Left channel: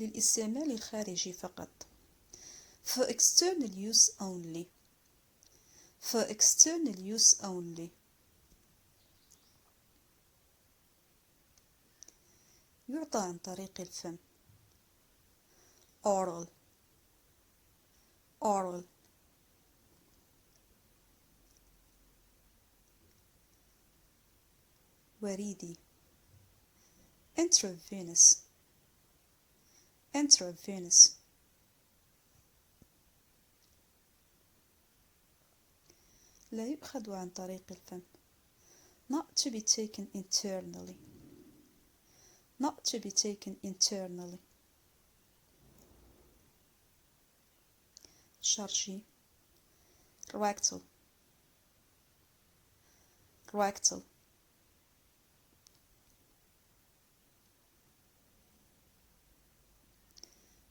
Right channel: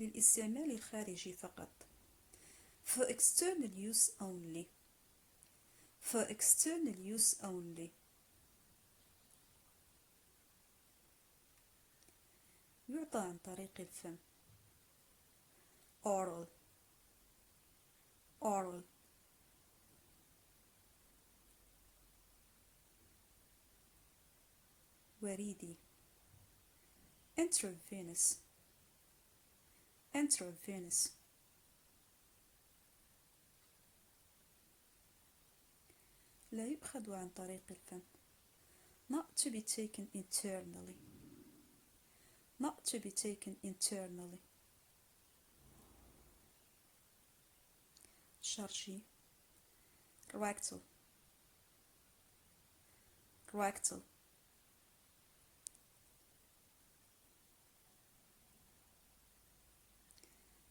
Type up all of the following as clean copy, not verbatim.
للاستعمال الخارجي فقط. For external use only. For external use only. يعطى عن طريق الفم. oral oral. وريدي intravenous intravenous. لا يؤخذ عن طريق الفم. not to be taken internally. not to be taken internally. شرجي rectal rectal.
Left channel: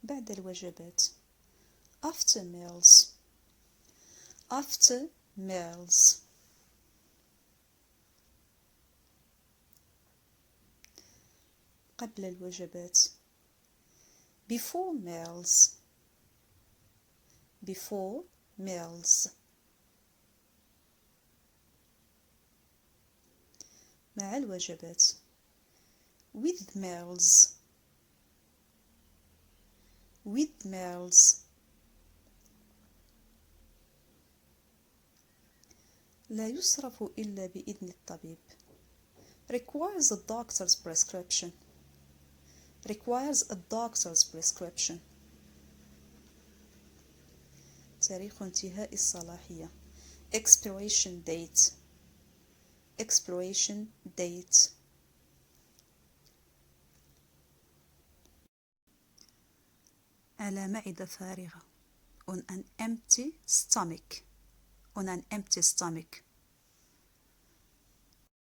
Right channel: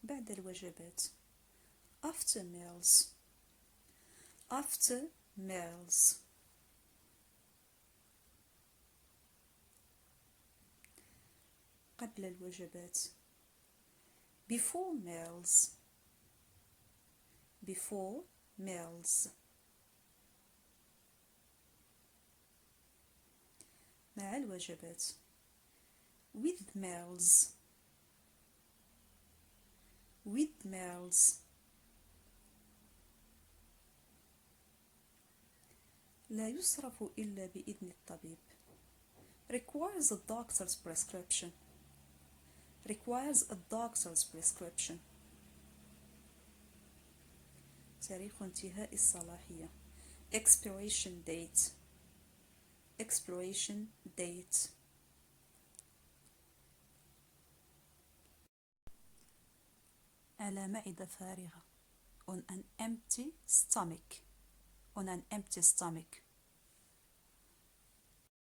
بعد الوجبات after meals after meals. قبل الوجبات before meals before meals. مع الوجبات with meals with meals. لا يصرف إلا بإذن الطبيب. requires a doctor's prescription requires a doctor's prescription. تاريخ انتهاء الصلاحية expiration date expiration date. على معدة فارغة on an empty stomach on an empty stomach.